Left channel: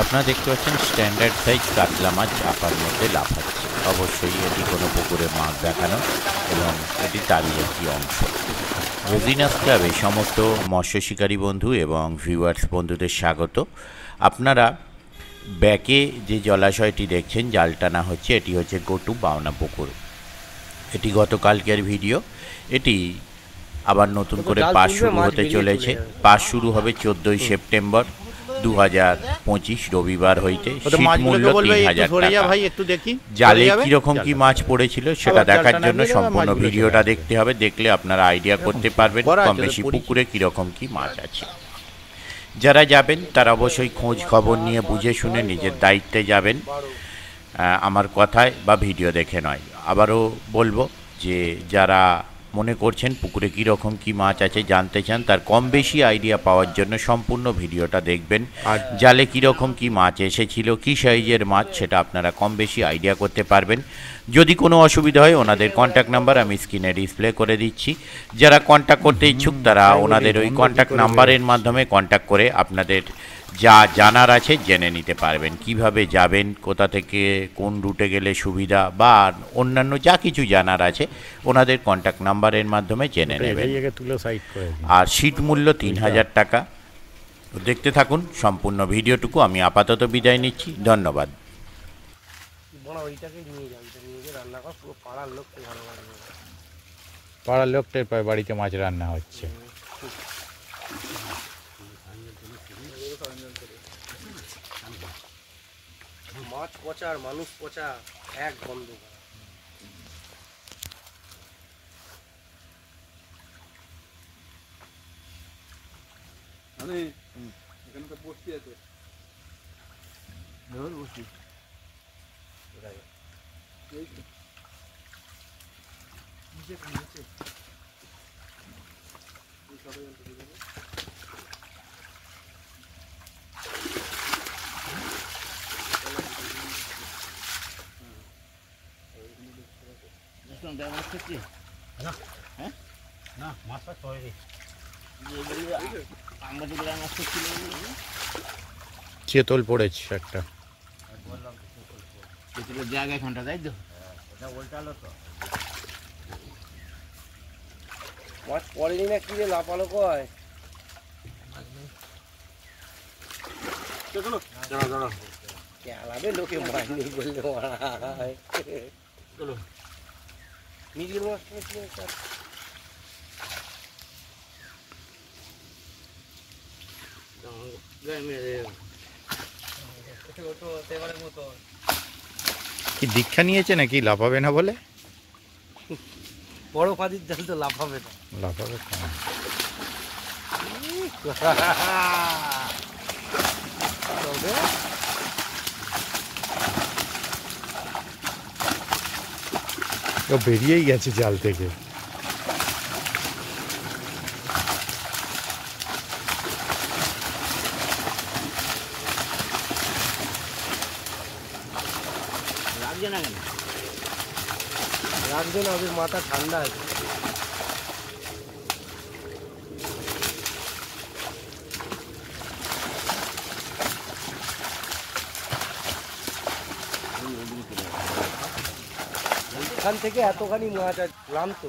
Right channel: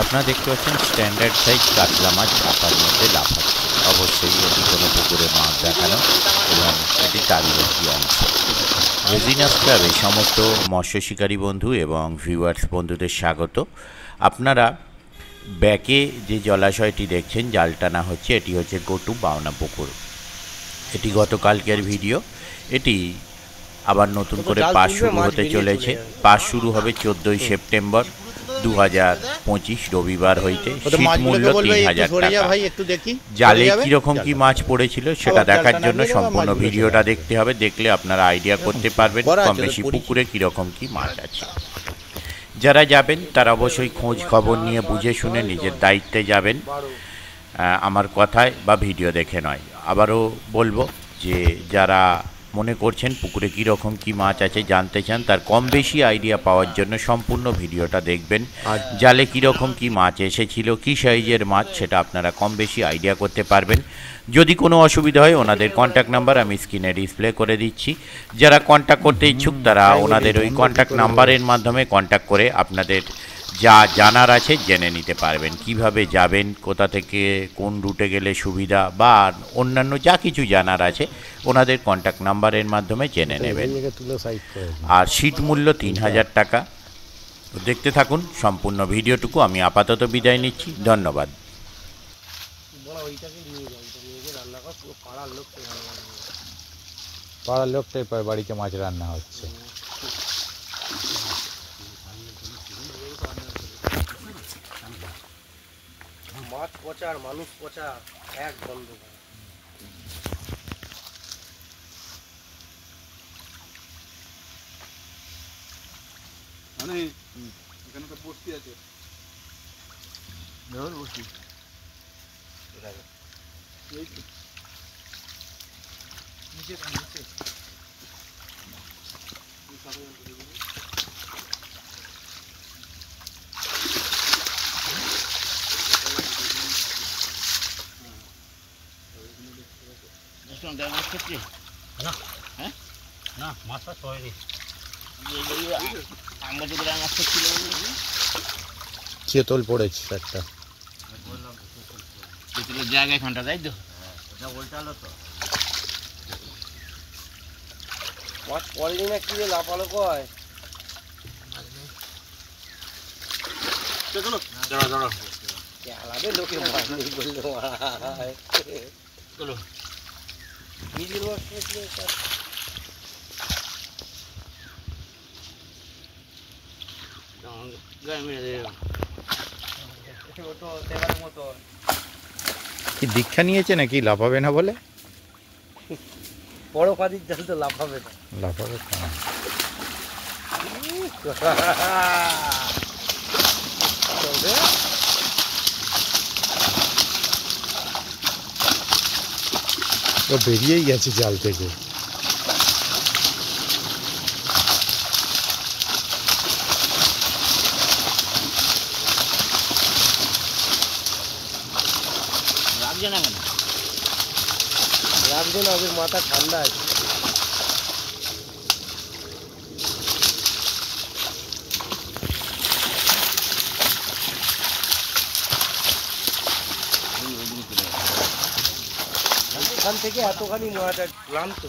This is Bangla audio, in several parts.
আপনারা দেখতে পাচ্ছেন স্ট্যান্ডার্ড সাইজ কাতলা মাছ চাপার মধ্যে লাফাচ্ছে। অবশ্যই এটি কোনো পুকুরের মাছ দেখানো এবং এটি তারই একটি অংশ। রেজিনাস ক্লাবে সমস্ত মৎস্য শিকারী বন্ধু এবং ভিউয়ার্স বন্ধুদের স্বাগত। আপনারা ব্যাকে যে জলাশয়টি দেখছেন জাল টানা হচ্ছে, এটি হচ্ছে গটু বাওনা পুকুর। এটি গতকালকের ভিডিও। এটি আবার নতুন করে পাস শুরু হতে চলেছে। পাস শুরু হবে 14ই সেপ্টেম্বর 2025 রবিবার হইতে। শীত মূল্য 3000 টাকা। জালে কীরকম কি মাছ পড়েছিল সেটা দেখার জন্য সম্পূর্ণ ভিডিওটা দেখতে হবে। দেখলে আপনারা আইডিয়া করতে পারবেন কম বেশি পুকুরে কীরকম কি মাছ আছে। যারা যাবেন তারা অবশ্যই খোঁজ খবর নিয়ে বুঝে শুনে নিজের দায়িত্বে যাবেন, আমার কথায় বা ভিডিও দেখে নয়। আবারও বলবো যে যারা মনে করছেন পুকুরে কীরকম কী মাছ আছে জানতে চান, তার কম বেশি আইডিয়া পাওয়ার জন্য সম্পূর্ণ ভিডিওটা দেখবেন। জালে কীরকম কী মাছ এসেছিল, কী সাইজের মাছ, সেটা আপনারা কম বেশি আইডিয়া করতে পারবেন। যদি কোনো অসুবিধা হয় ওনাদের কন্ট্যাক্ট নাম্বার আমি স্ক্রিনে ডিসপ্লে করে দিচ্ছি। যারা কন্ট্যাক্ট করতে ইচ্ছুক তারা ওনাদের ওই কন্ট্যাক্ট নাম্বারের মাধ্যমে কন্ট্যাক্ট করে আপনাদের যা জানার আছে জেনে নিতে পারবেন। কিভাবে যাবেন, কোথা থেকে কোন রুটে গেলে সুবিধা বা অন্যান্য যা কিছু জানার আছে ওনাদের কন্ট্যাক্ট নাম্বারের মাধ্যমে জেনে নেবেন। আর সিট মূল্য 3000 টাকা। দেখতে থাকুন সম্পূর্ণ ভিডিওটুকু। আমি আপাতত বিদায় নিচ্ছি, ধন্যবাদ। পাড়ার লোকটার পর বাড়িতে মাছ রান্না হচ্ছে। মাছ পচা আর মানুষ পচা এক বন্ধ। মানে এখানকার বস্তি আছে, বস্তি চেতল পড়েছে একটা জায়গায় এখানটা তাই তো মাছ পড়েনি না কি রে, লাফালো কয় খেলাবে লোকে কি দীক্ষা নিয়েছে নাকি লাফাবে না বলে? বড় পাদির জাল তো লাফাবে না, লাফাবে ও বেরিয়েই গেছে জাল থেকে। রাখবে না, ওদের মাথা ঠান্ডা আছে। এখান থেকে এতখানি মাছ ক্লান্ত।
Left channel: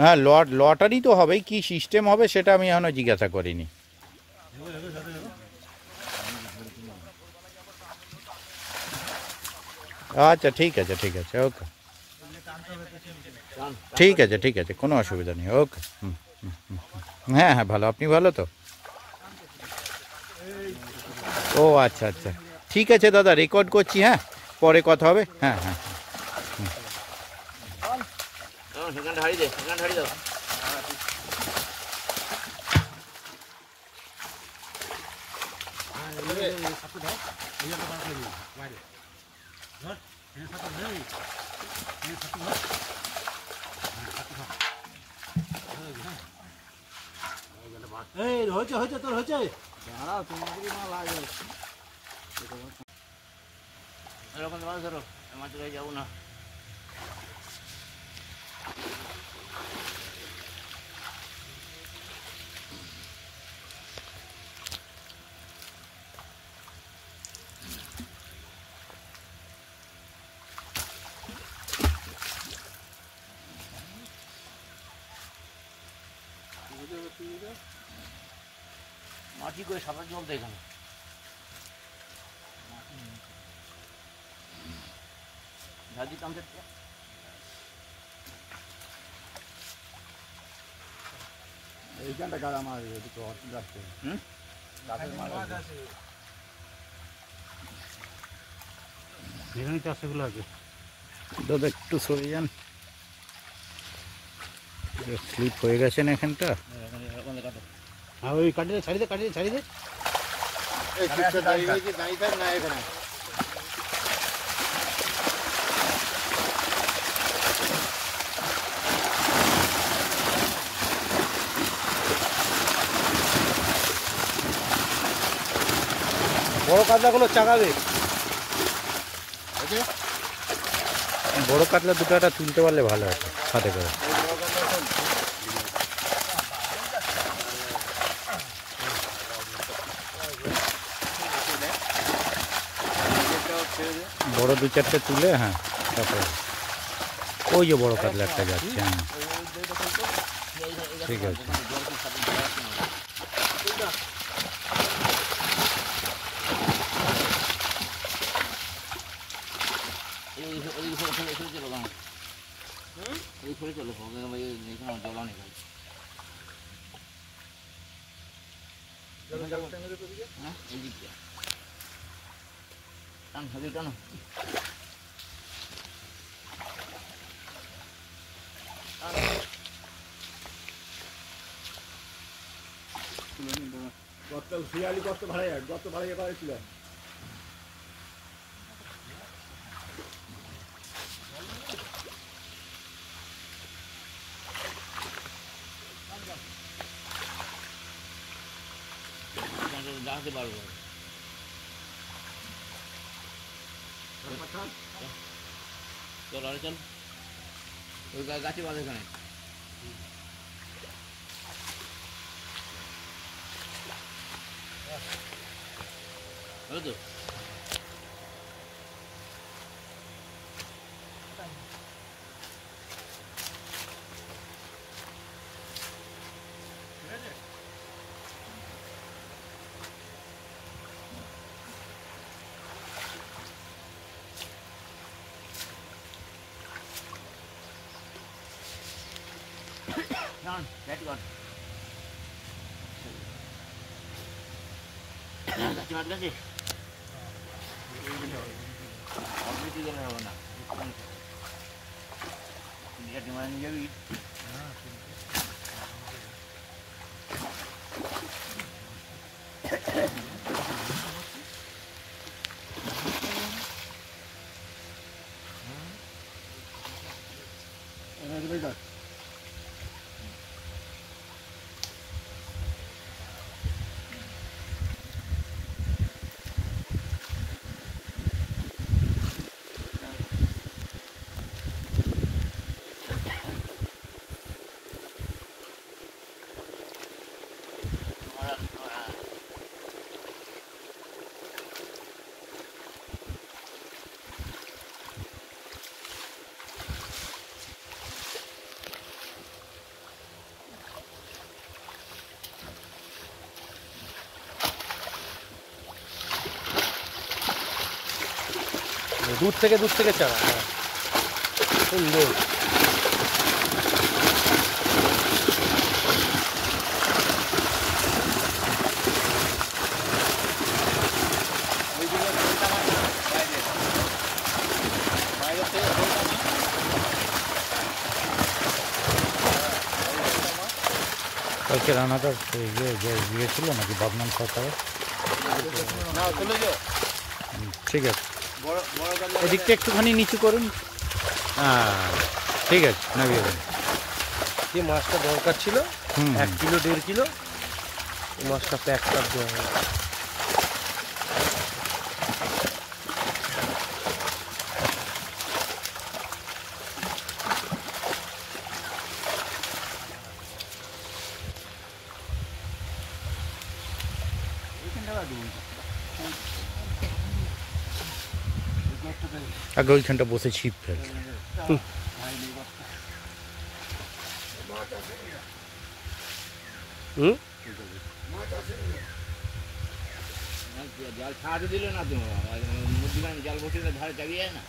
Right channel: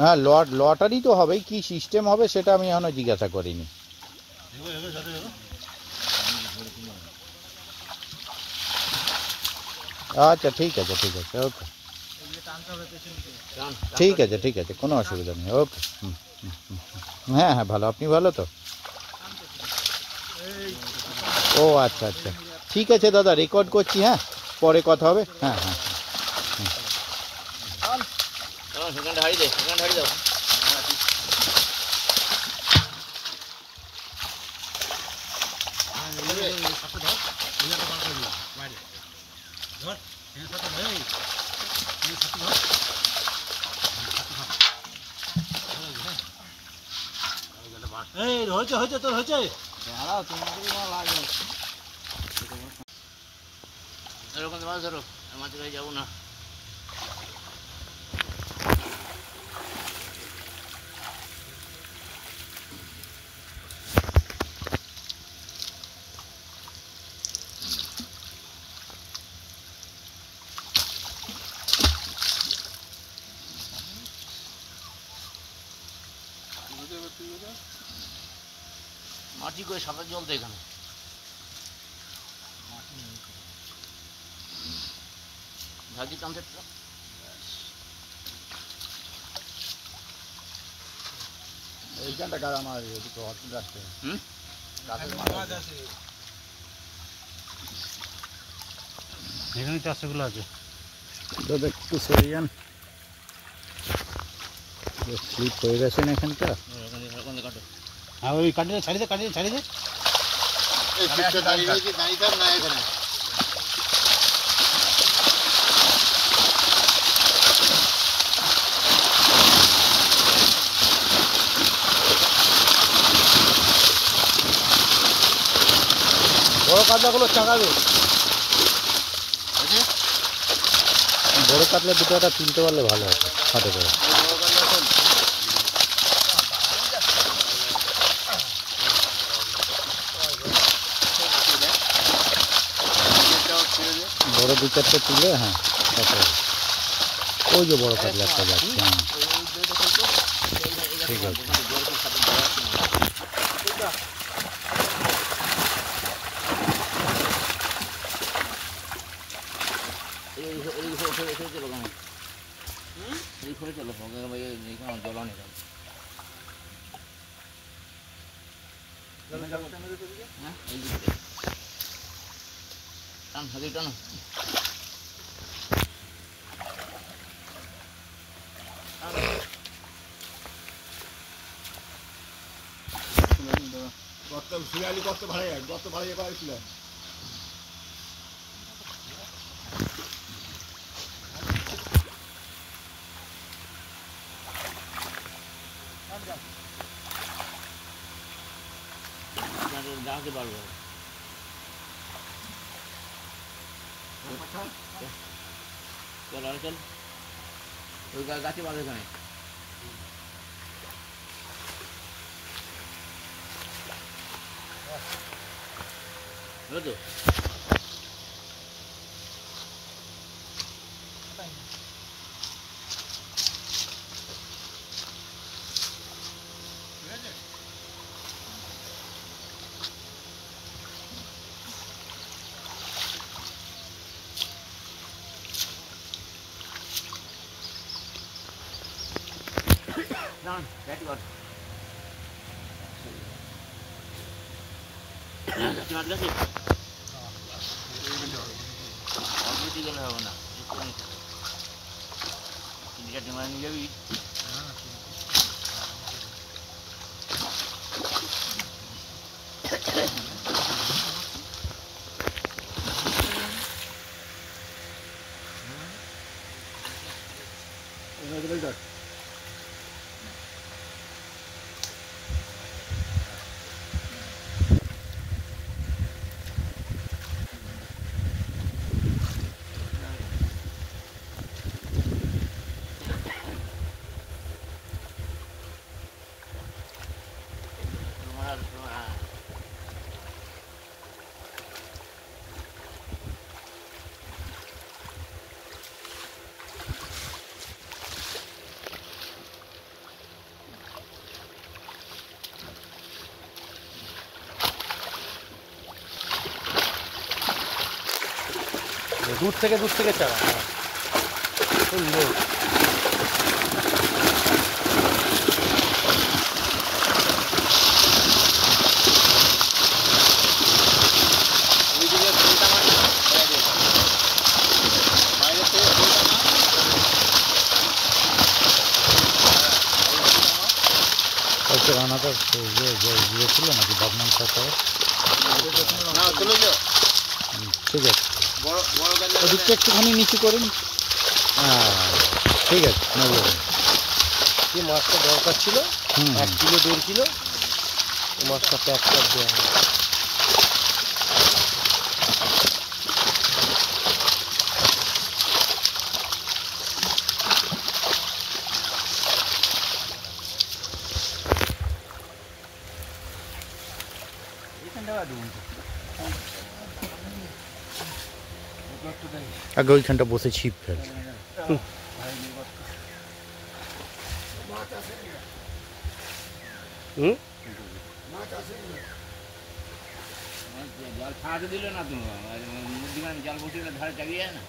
হ্যাঁ, লটারি তো হবেই, কি সিস্টেম হবে সেটা আমি এখনো জিজ্ঞাসা করিনি। আচ্ছা ঠিক আছে, ঠিক আছে, ওকে, ঠিক আছে, ঠিক আছে, কোনো অসুবিধা নেই, ওকে। হ্যাঁ হ্যাঁ, ভালো, আপনি ভালো তো? ও আচ্ছা আচ্ছা, ঠিক আছে দাদা, রেকর্ড করছি, হ্যাঁ পরে কথা হবে। হ্যাঁ হ্যাঁ হয়েছে তোর হয়েছে। ধরো মাছ যাবো না। মাটি করে সাঁতার জল তো এখানে ঝাঁকি টানতে এইখানটা গাছ আমার দুটো হসপিটাল আসতে গাছের মাথা এখানে চাষগুলো আছে। দাদা একটু সরে যান, স্লিপ হয়ে গেছেন এখানটা। হ্যাঁ ওই কাটিয়ে ছাড়িয়ে ছাড়িয়ে দাঁড়িয়ে থাক না এখানে বড় কাতলাগুলো চাকাবে। বড় কাতলা দুটো একটা তুলতে পারলে ভালো আছে হাতে করে। বড় দু চারটে তুলে, হ্যাঁ তারপরে ওই যে বড় কাতলা একটা যাচ্ছে। হ্যাঁ ঠিক আছে। চলো জল অনেক হ্যাঁ টান হাজির টানো শিয়ালি কত ভালো যায়, কত ভালো ছিল। দাঁড়াতে পারবো চল আরে চল ওই গাছে বাঁধে ওখানে হলো তো Down, that got. Cuma ada sih. Aku juga lah mana. Ini di mana ni jadi? দূর থেকে চালা সুন্দর। কালকে রান্নাটা ইয়ে ছিল নাকি বদনাম সরকারের? ঠিক আছে, এদিকটা একটুখানি নিচু করুন। হ্যাঁ ঠিক আছে, নেব। যে মাছটা দরকার ছিল 1 কিলো 1.5 কিলো, মাছটা প্যাক করে দেওয়া হবে। আগে ওইখানটা বসে ছিপ ফেল। জাল ছাড়াতে দিল না তো, মধ্যিখানে জাল বসিয়ে ধারে চাগিয়ে যায় না।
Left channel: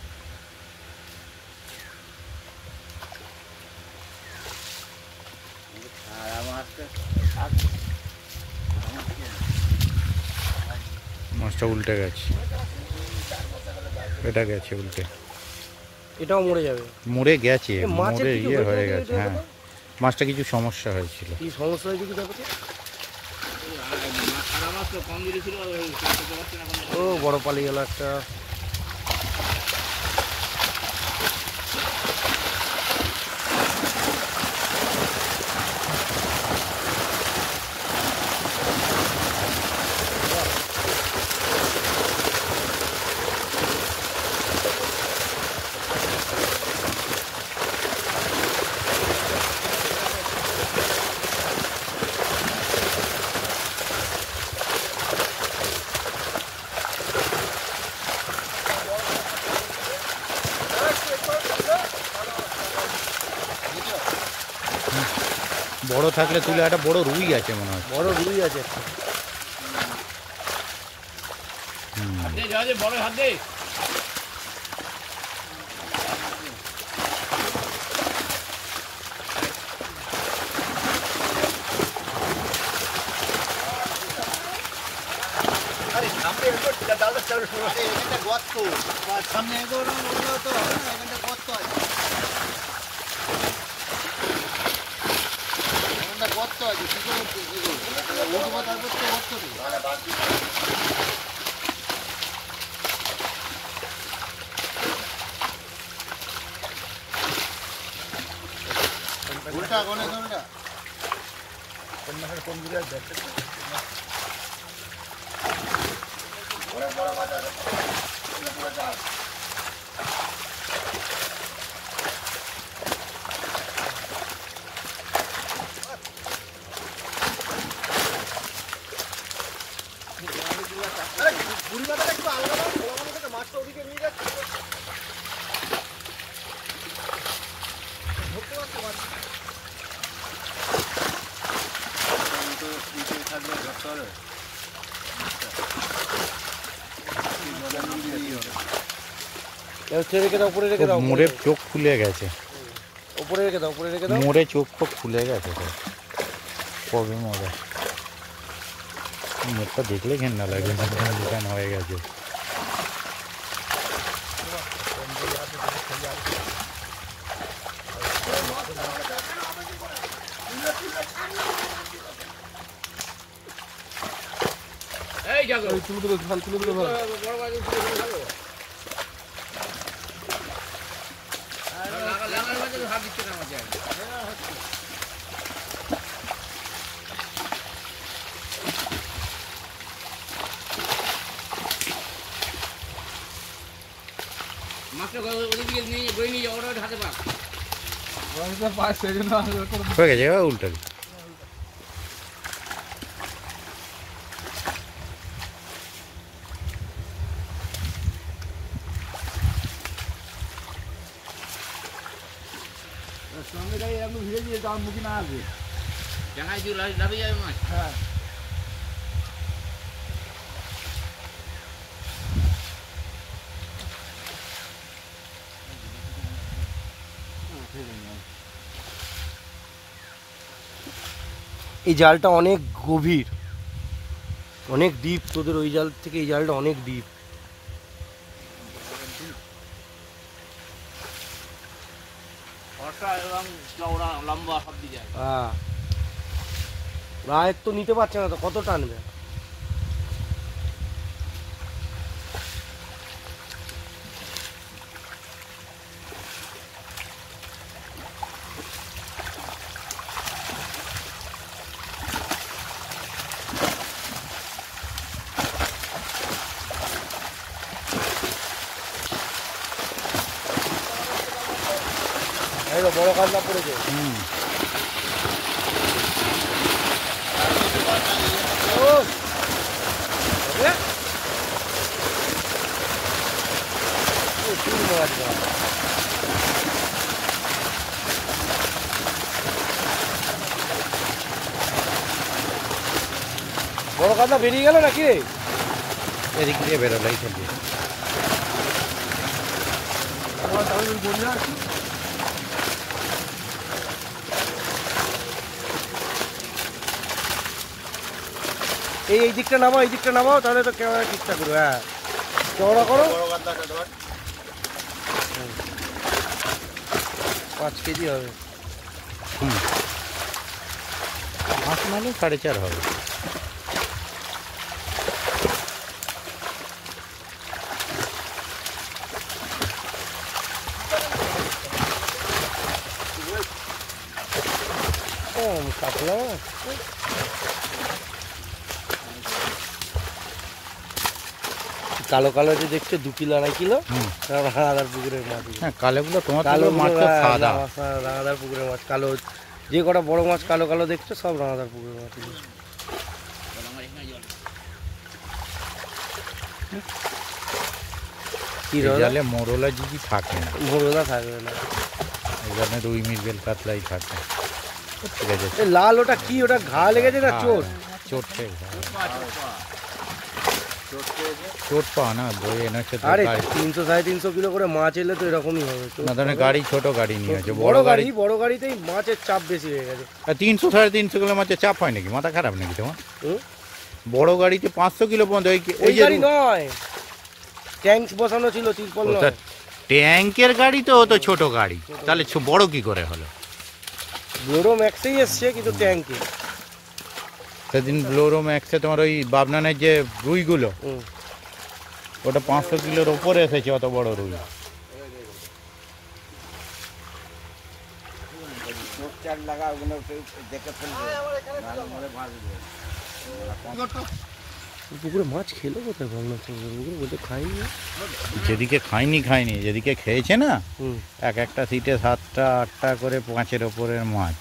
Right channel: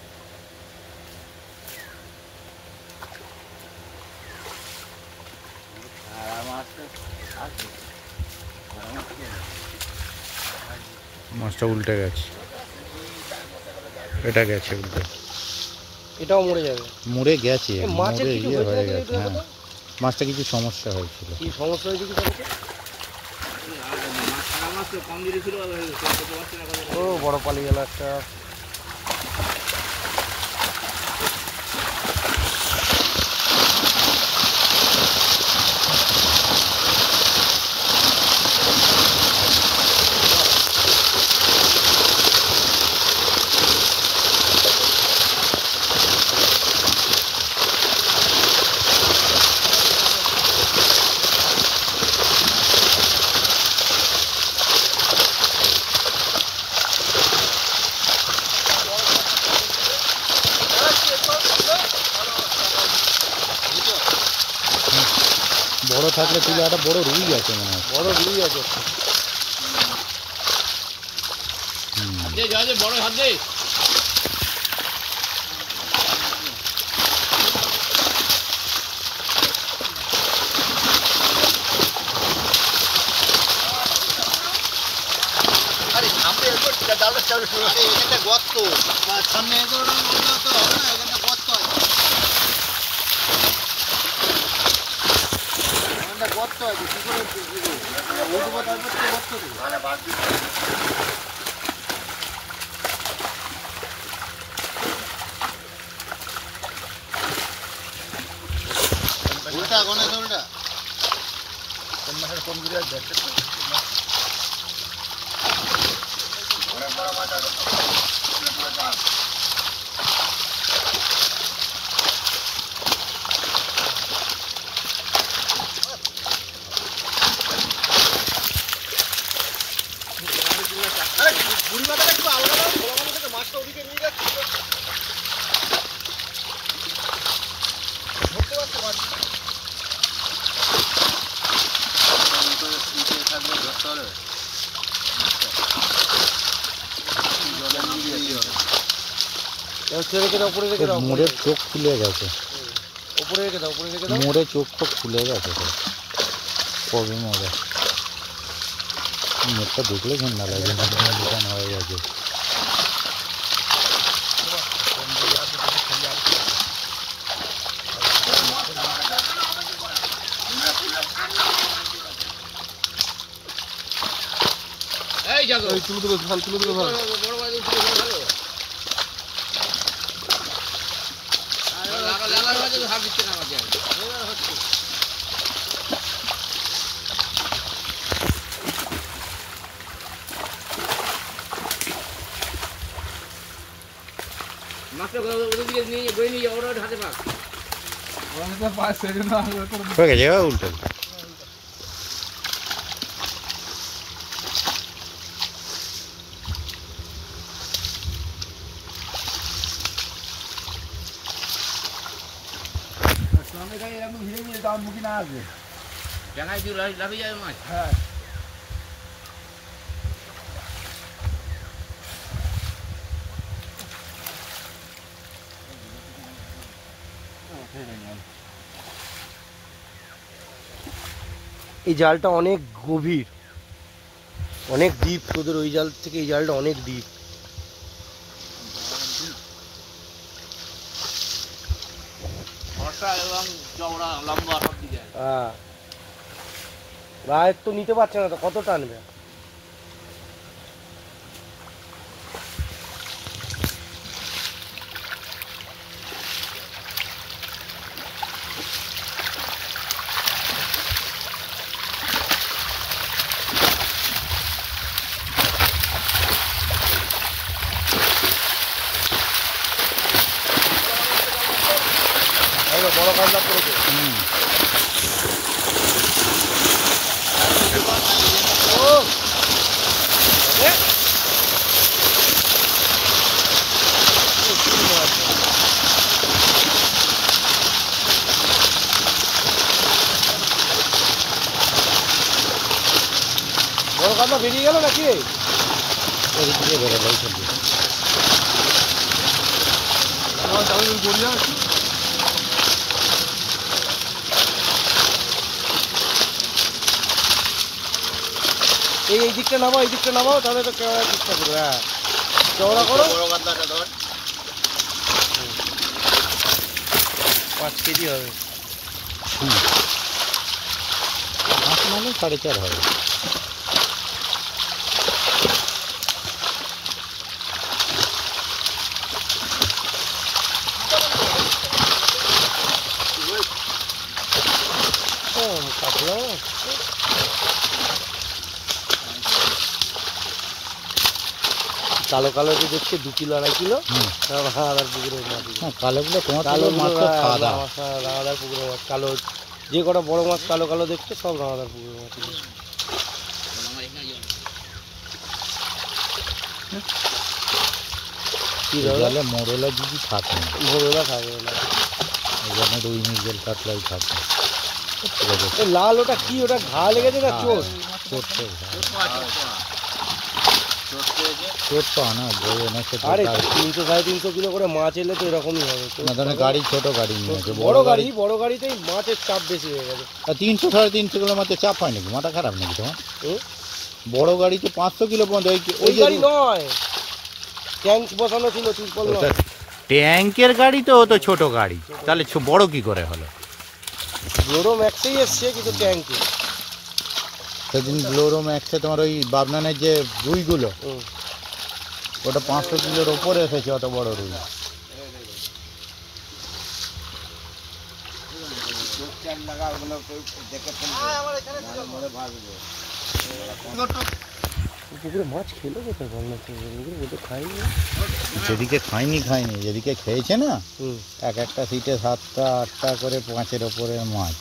মাছটা উল্টে গেছে, এটা গেছে উল্টে, এটাও মরে যাবে। মরে গেছে, মাছের মরে কিছু ইয়ে হয়ে হয়েছে গেছে। নাকি হ্যাঁ, মাছটা কিছু সমস্যা হয়েছিল। কি সমস্যা হয়েছে কি তাহলে? মাছ তো কম দিয়েছিল, ও বড় পালিয়ে গেল একটা। বড় থাকলে তুলে, একটা বড় রুই আছে মনে হয়। বড় রুই আছে। বড় হাত দে। আরে সামনে ডালটা চালু শুরু হয়, এটা গর্ত, সামনে তো হবে না, এখানটা গর্ত আছে, এখানটা গর্ত আছে, কি করে উঠবো তারপর তো গর্ত দেবো। উল্টা গণেশ উল্টা কোন মাসের কোন দিকে দেখতে বুড়ি মাথাটা একটু আলাদা খোলা মানুষ থেকে মাছটা ওদিকে নিয়ে যাচ্ছে, ধরতে পারছো মাছ থাকবে, ধরতে হবে। রেখে দাও, উপরে রেখে দাও, মোড়ের চোখ খুলে গেছে, উপরে রেখে দাও, উপরে রেখে দাও। মোড়ে চোখ ফোক খুলে গেছে তো, কবে মজা। মুখটা দেখলে ঘেন্না লাগে, দোকান হয়ে গেছে। এই যাও তুলে তুলে ভাল, তুলে তুলে ভাল। হাত দিচ্ছে না আমাকে। মাছটা ওদিকে নিয়ে বই নিয়ে যাও, ওরা হাতে পাক। হয়ে গেছে, এবার উল্টে দিই। জায়গায় দিয়ে লাফিয়ে যাবে মাছ। এই জালটা অনেক গভীর, অনেক ডিপ, তোদের ওই জাল থেকে এই জালটা অনেক ডিপ। ফর্সা এবং চওড়া লম্বা সব দিকে আছে। হ্যাঁ, রায়ের তো নিতে পারছে না তো, কত টানবে। বড় কাজটা পড়েছে। বড় কাজটা বেরিয়ে গেল নাকি? এদিক দিয়ে বেরোলেই চলবে। এই দিকটা নামাও, এই দিকটা নামাও, তাহলে তো ক্যামেরা ঠিকঠাক করবে। হ্যাঁ, চওড়া করো। বড় গান্দাটা ধর। 5 কেজি হবে। মাছ মানে 4.5 হবে। কাতলা কালো কালো যে দেখছে 2 কিলো 2.5 কিলো রাঙাদার পুকুরের মাছ। হ্যাঁ, কালোগুলো তোমার কালো মাছ তো সাদা। রাঙাদার পুকুরের মাছ। কালো যে কটা বড় মাছ কালো কালো দেখছো সব রাঙাদার পুকুরের মাছ। জালে মোরলা যদি থাকে না, ভোরবেলা থাকবে না, ওখানে রুই মৃগেল কাতলাই থাকে। ঠিক আছে, এই লাল ওটা কি? ওটা ঘা লেগেছে না চোট? চোটে চোট পাও না বই এনেছে তো। আরে 300 350 কিলো করে মাছ এলে তো এরকমই হবে। না ধরেন গাড়ি, ছোট গাড়ি নিয়ে আছে, বড় গাড়ি, বড় গাড়িতেই মাছের চাপ বেশি হয়ে গেছে। 300 350 কিলো মাছের চাপ হয় নাকি? মাথা খারাপ নাকি তোমার? বড় গাড়িতে 500 কিলো পর্যন্ত। ওই গাড়ি নয়, ট্যাঙ্ক বসানো ছিল তিরপল না। ট্যাঙ্কের গাড়ি তো, ও তো ছোট গাড়ি, তাহলে বড় কি করে হলো? বড় ম্যাক্সেই এসছে কিন্তু ট্যাঙ্কে। সেদিন ব্লোরো ম্যাক্সে তোমার ওই বাবনানের যে রুইগুলো, ওটা 500 কিলোর ওপরে এসেছে, অত বড় রুই। পুকুরে মাছ খেলো কোথায় বল না? খাইনি। যেদিকে খায়নি, যেদিকে খেয়েছে না, এক একটা সিটে 7টা 8টা করে 5-এর ওপরের মাছ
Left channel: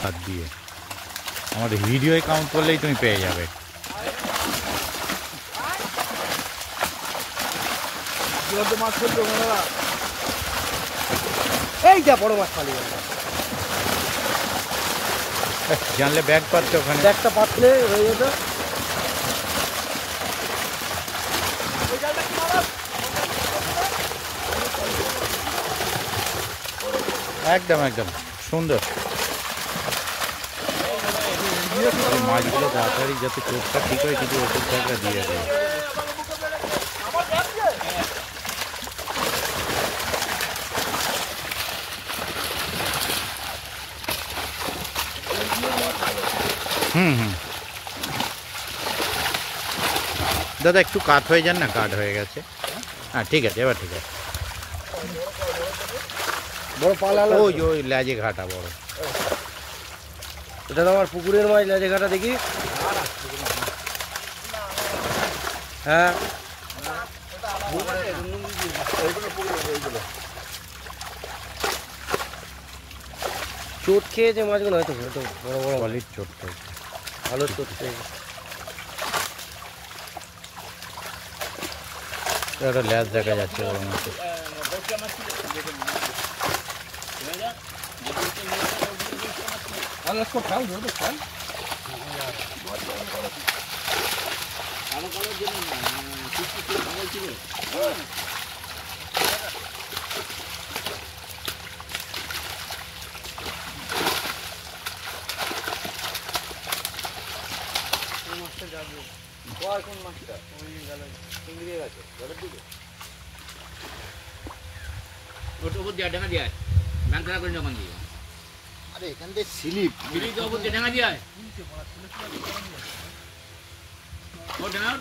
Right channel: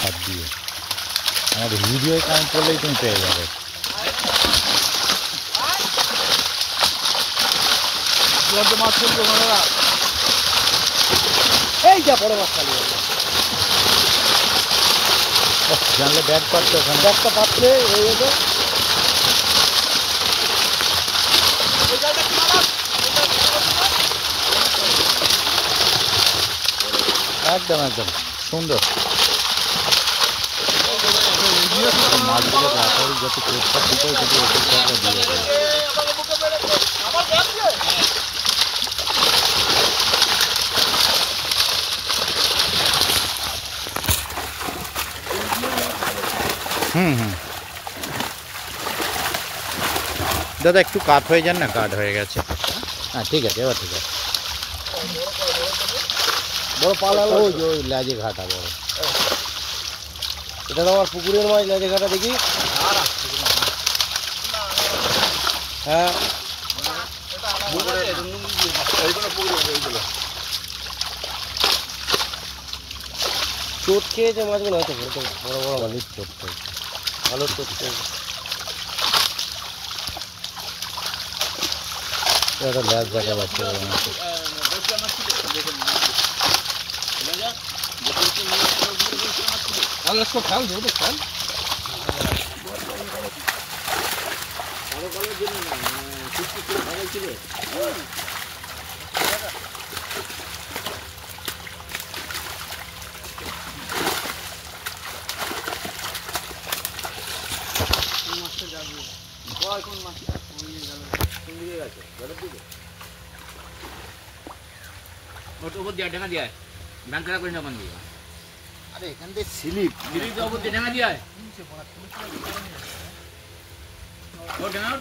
হাত দিয়ে। আমাদের ভিডিওয় কাউন্ট করলেই তুমি পেয়ে যাবে। মাছ খেলবে এই যা বড় মাছ খালি জানলে ব্যাগ পাচ্ছে, ওখানে একটা পাতলে হয়ে যাবে। একদম একদম সুন্দর মাছগুলো। তাড়াতাড়ি যত চোখটা ঠিক হয় যদি ওষুধটা দিয়ে দেয়। দাদা একটু কাট হয়ে যান না, কাট হয়ে গেছে। হ্যাঁ ঠিক আছে, এবার ঠিক আছে। বড় পালা ওই ওই লেজে ঘাটা বড়। এটা তো আমার পুকুরের মাছ, লেজে ঘাটা দেখি। হ্যাঁ, চোট খেয়েছে মাছগুলো, হয়তো বড় বড় বলির চোট হয়েছে, ভালো চোট খেয়েছে। একটা ল্যাজ দেখা যাচ্ছে বড় মাছের। উপর দিয়ে ডাঙা দিয়ে ব্যাংক খারাপ করে জমা দিয়ে। আরে এখান থেকে স্লিপ উপর দিয়ে ডাঙা দিয়ে ও ডাঙা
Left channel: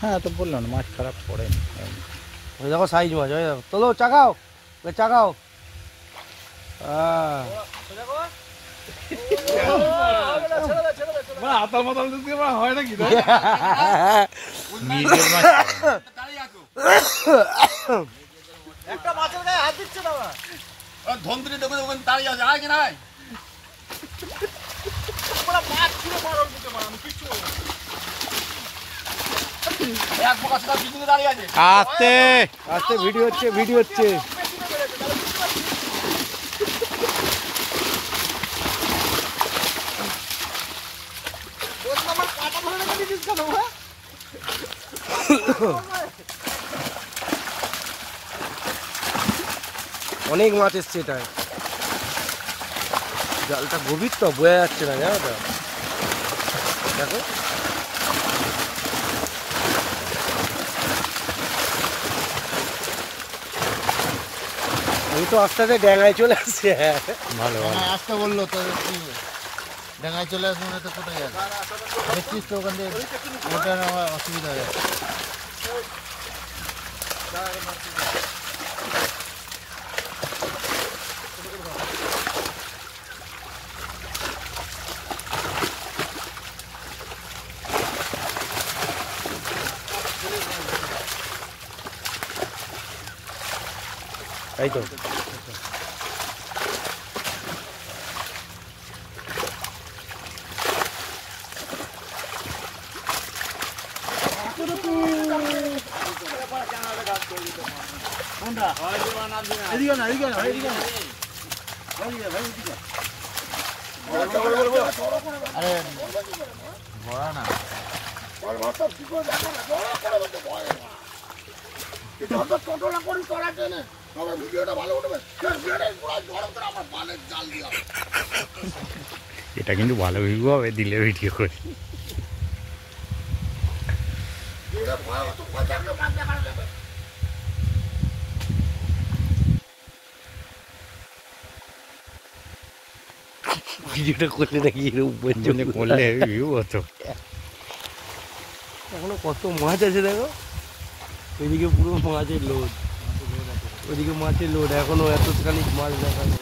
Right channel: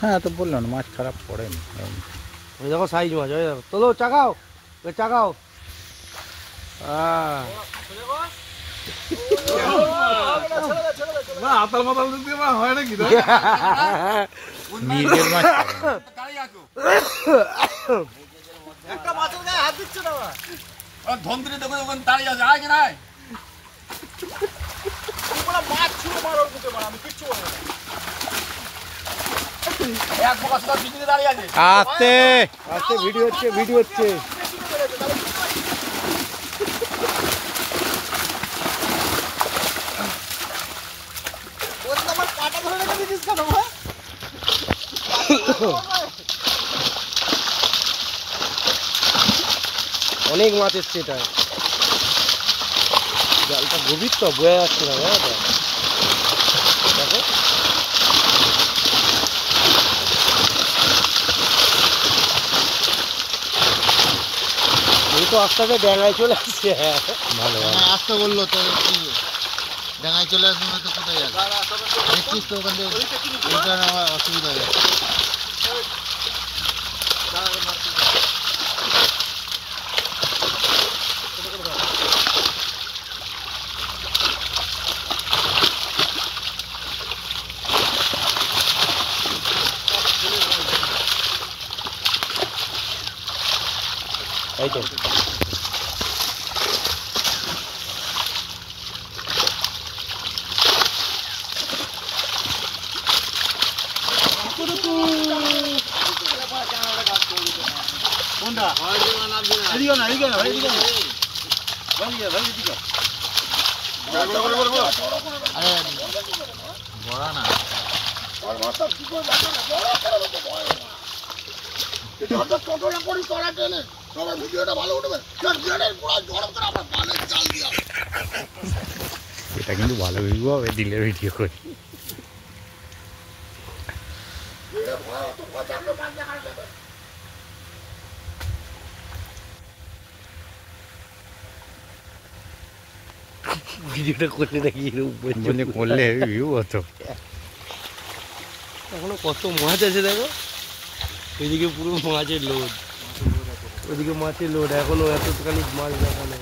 হ্যাঁ তো বললাম না, মাছ খারাপ পড়েনি। দেখো সাইজ মাছ, তোলো চাগাও চাগাও। নিজের মাছ একটা মাছের গায়ে হাত দিচ্ছে না ধন্ত্রী দেখো ওখানে দাঁড়িয়ে আছে, আয় কেন মাছ ছিল মার ওর দিকে, আমি কিচ্ছু আস্তে আস্তে ভিডিও হচ্ছে ভিডিও হচ্ছে। অনেক মাছ এসছে এটা, জালটা গভীর তো বোঝা যাচ্ছে না, জানো তো। দেখো আমি তো আস্তে আস্তে ড্যাঙায় চলে আসছে। হ্যাঁ ভালো ভালো। আসতে বললো তো ডাঙায় চলে আসবে তো কোথায় যাবে? দেখছিস তো ওখান থেকে রিটার্ন হওয়ার অসুবিধা হয়ে যাবে। তাই তো এটা কিন্তু ভালো ভিডিও হবে, দিলে ভিডিও করে। ভিডিওটা করলে নাকি বললে করলে ভিউ হতো। এখনো কত মাছ আছে দেখো, এদিকে পুরো মাছের লোড, ওদিকে মাছের লোড, এখনো এতখানি মাছ দেখানো।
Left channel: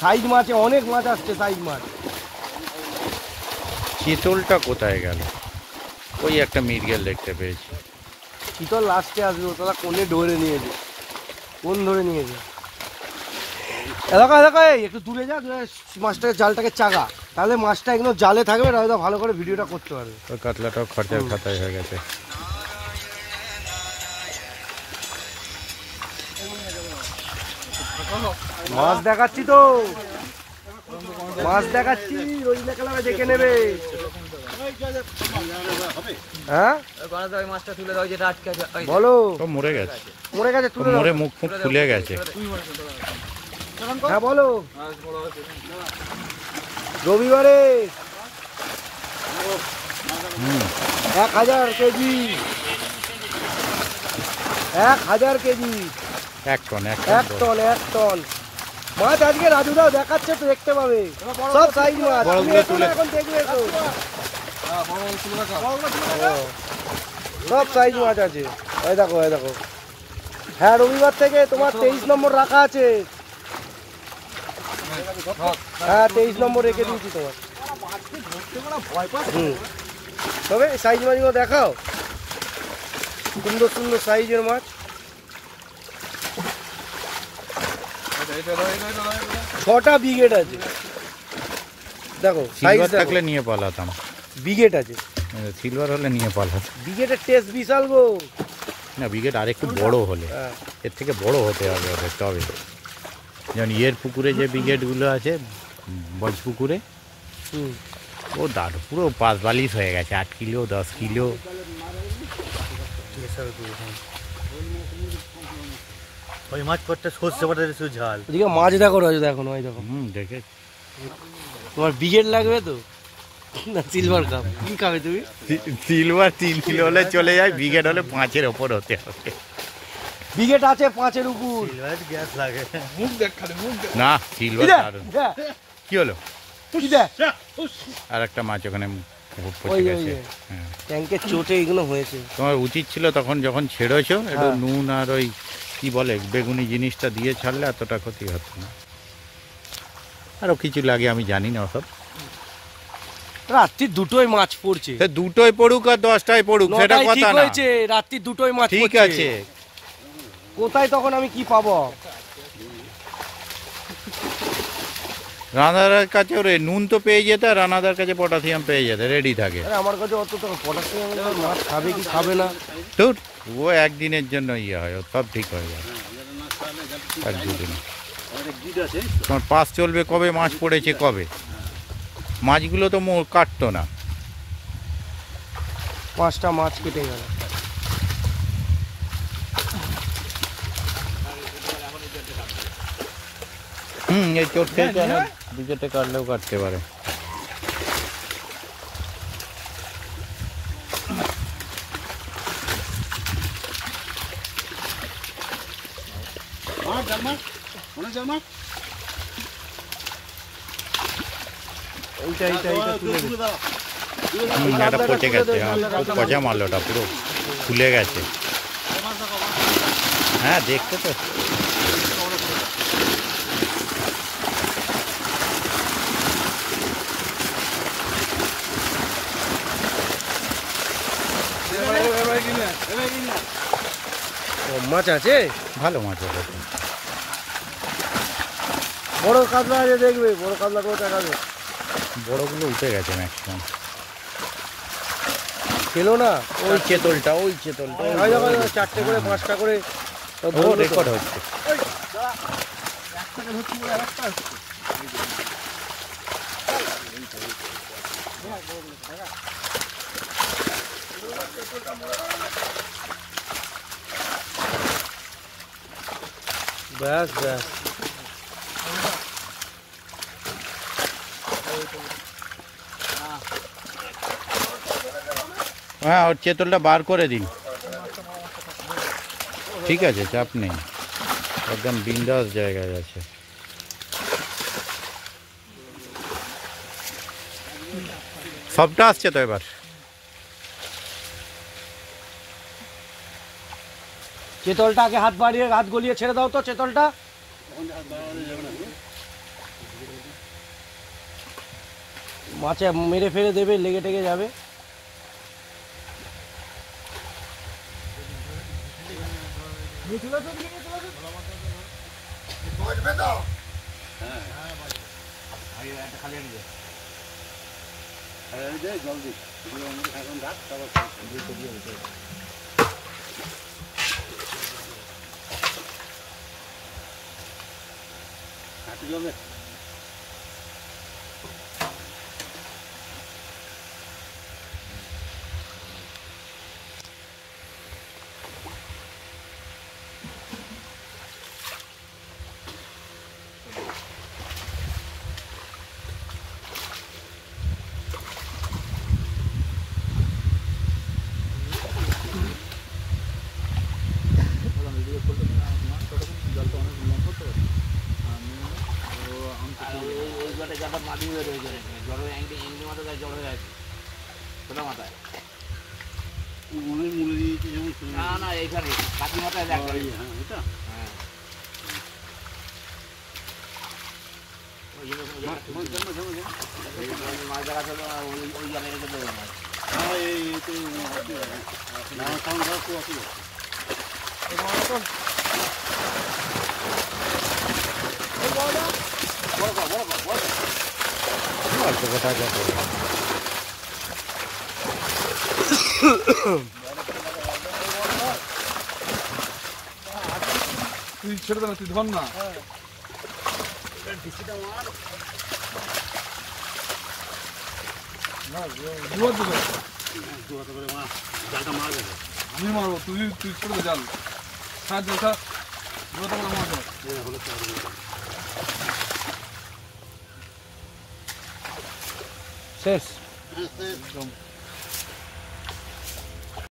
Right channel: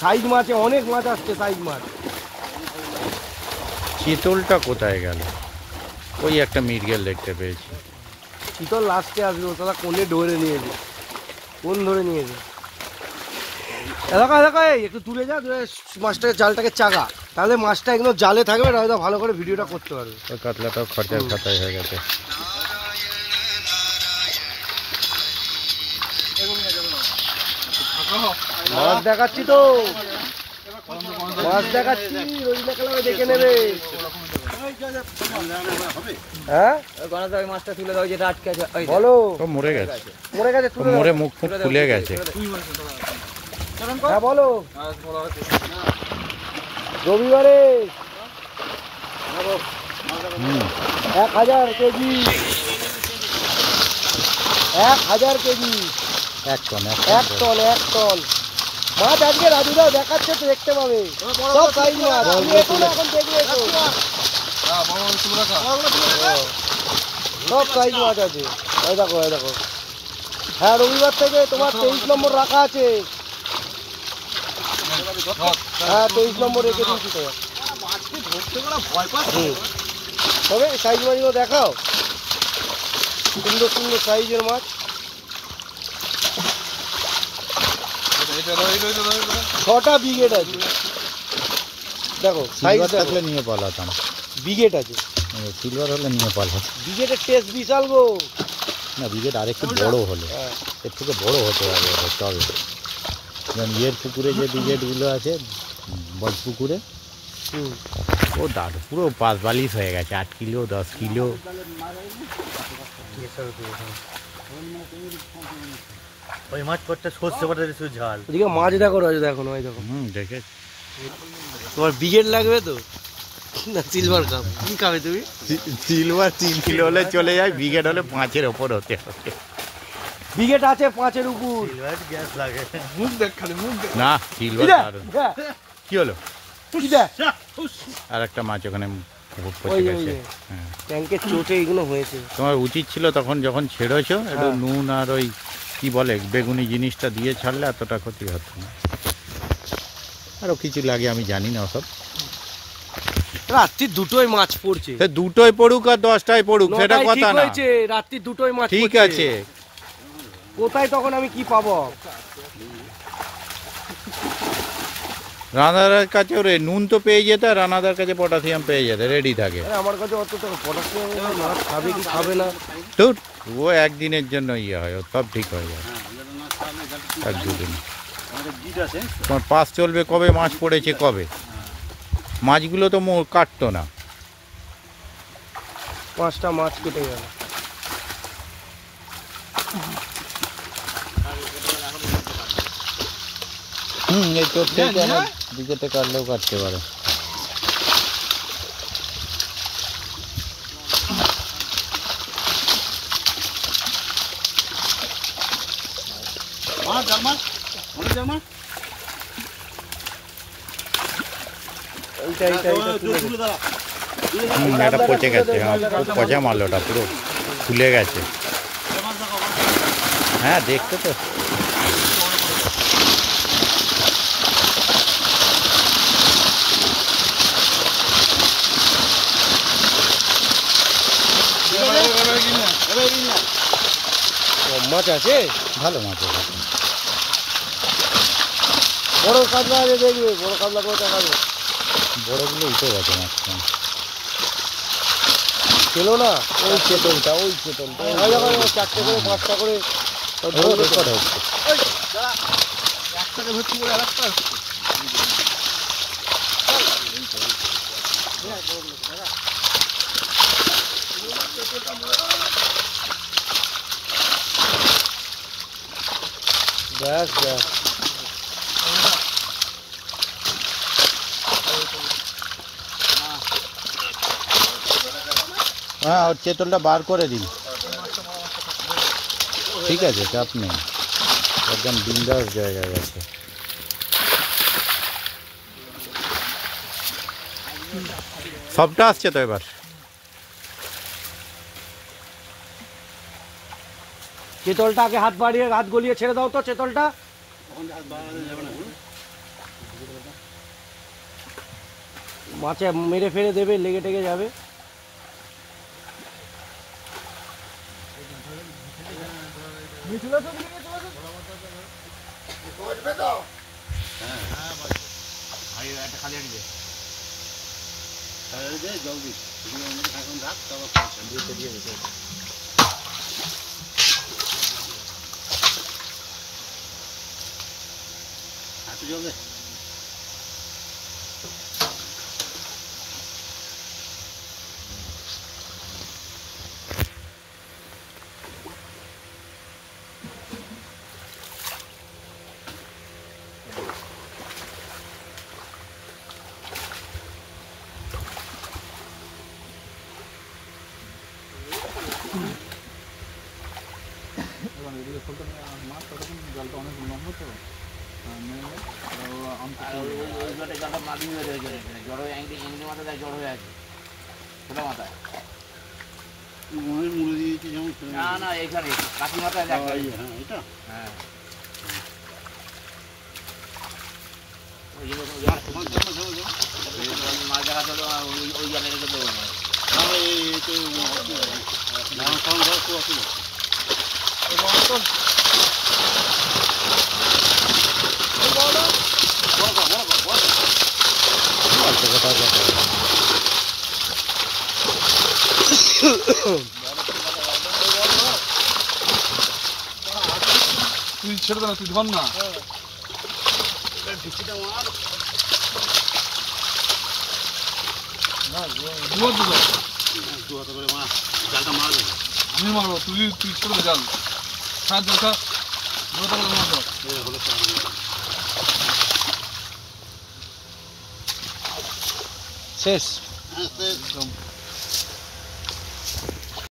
সাইজ মাছে অনেক মাছ আসছে, সাইজ মাছ। চিতলটা কোথায় গেল? ওই একটা মৃগেল দেখতে পেয়েছি। শীতল লাস্টে আসবে, তোরা কোনে ধরে নিয়েছে, কোন ধরে নিয়েছে এলাকা এলাকায়। একটু দূরে যা, দূরে মাছটাকে জালটাকে চাগা, তাহলে মাছটা একদম জালে থাকবে, রাজা ভালো করে ভিডিওটা করতে পারবে। ওই কাতলাটাও খরচার খাতায় হয়ে গেছে। মাছ দেখাচ্ছি তো, মাছ দেখাচ্ছি, ওই লেখাটা দেখে নেবে। হ্যাঁ মাছটা তুলে দাও, যেটা আটকে আছে। বলো, ও মরে গেছে, মরে গেছে, ও মরে মুখ ফুক ফুলে গেছে। হ্যাঁ বলো। রবিবারে 1000 KG, 1000 KG, 1 ton 1 ton, 1 ton মাছ আজকে রাজুদাও দেখাচ্ছে, তো দেখতে পাবে সব সাইজ মাছ। তুমি এখন দেখবে তো, সব সাইজ মাছ আছে। ওই দেখো, ওই দেখো। হ্যাঁ রবিবার থেকে তোমার 23 নম্বর রাখা আছে। হ্যাঁ 23 নম্বর রেখে দিয়েছি তোমার। তবে সাইজ মাছগুলো দেখাও, সুন্দর সুন্দর সাইজের মাছ। 6টা ব্রিগেড আছে, দেখো সাইজ সিলভার থাকলে নিয়ে পালাতাম। ব্রিগেড আছে, সিলভার হলে নিয়ে পালাতাম। ব্রিগেডের টেস্ট বিশাল গো। না ব্রিগেড আরেকটু বড় হলে, এর থেকে বড় হতে হবে তবে। যেমন ইয়ের পুকুরে যে ব্রিগেডগুলো আছে, বজ পুকুরে, ও দাঁড় পুরো 5 হয়ে গেছে, 8 কিলো 10 কিলো। ওই মাছ পড়তে সর্ষে পাতা শুধু ঝাল। এদিকে মাছ দেখো রাজু, দেখো না, ওই দেখো। দেখেছি। তোমার ব্রিগেড লাগবে তো না সিলভার কাপ? কি খাবে তুমি? সিলভার 3 কিলো হলে চলে যায়, ব্রিগেড হলে 5-এর ওপর হতে হবে। ব্রিগেড আছে 5-এর উপর। গ্যাস লাগে। না সিলভার দারুণ। কি হলো? আর একটা মাছ ওখানে পচে গেছে। হ্যাঁ ট্যাঙ্কের চোটে এগুলো হয়েছে। তোমার উচিত ছিল তখন যখন ছেড়েছো একটু নুন আর ওই কি বলে বেগুনি জিনিসটা দিয়ে ছাড়লে এতটা ক্ষতি হতো না। আরও কিছু লাগে আমি জানি না ওসব। রাত্রি 2টোয় মাছ পড়ছে। সে 2টোয় পড়ুক আর 10টায় পড়ুক সেটা কথা না। রাত্রি 2টোয় মাছ ঠিক আছে, কোথায় তখন আমি কি পাবো? রানাদার কাছে ওরে নুন তো পেয়ে যেত, আর রানাদার কাছে পটাশিয়াম পেয়ে যেত, রেডি থাকে। আরে আমার কাছে অত টাকা পড়াশোনা মাছ খাবে কি খাবে না। তো ও একদিনের জন্য ইয়ে হয়, ও সব ঠিক হয়ে যায় এক দুদিন। তোমার পাস চলবে কবে, মাছ পড়েছে কবে, মাছগুলো তো কাটতো না। 5টা মাছ কেটে গেল। এই চোট থেকে অনেক দিকেতে কাটলেও কাটতে পারে। এটা পচে গেছে, খুব পচা মারলো, ওটা পুরো ফুলে গেছে। হ্যাঁ দেখতে তো মাছ আছে, ভালো মাছ আছে। বড় কাতলা আছে দেখবে, বড় কাতলা করে দেখাবে। বড়গুলো উঠে গেছে ম্যাক্সিমাম। ছিল না ওই চেতলটা, ওই চেতলটা 4টে করে 5টা করে রেকর্ড হচ্ছে। ব্যাস ব্যাস। হ্যাঁ ওর চেতলটা বার করে দিন, ঠিক আছে, চাপ নেই, একদম বিন্দাস জায়গায় আছে। সবটা আসছে তো এবার। চেতলটা আগে হাত বাড়িয়ে হাত গলিয়ে ছেড়ে দাও তো চেতলটা। মাছে মেরে ফেলে দেবে, লেগে টেগে যাবে। জলটা মাটি হয়ে রয়েছে, জড় হয়ে এংনি মাথা দেয়, জড় হয়ে আছে ছোটো মাথায়। না না এইখানে কাঠি মাথায় দেখ। হ্যাঁ মাছ দেখা চলো, ওই জায়গায় রেখে দেবো না। তুই ছেড়ে দে না, তুই ধর না। আমি মারবো, তুই ছেড়ে দে জাল। সাহায্য শেষ। একদম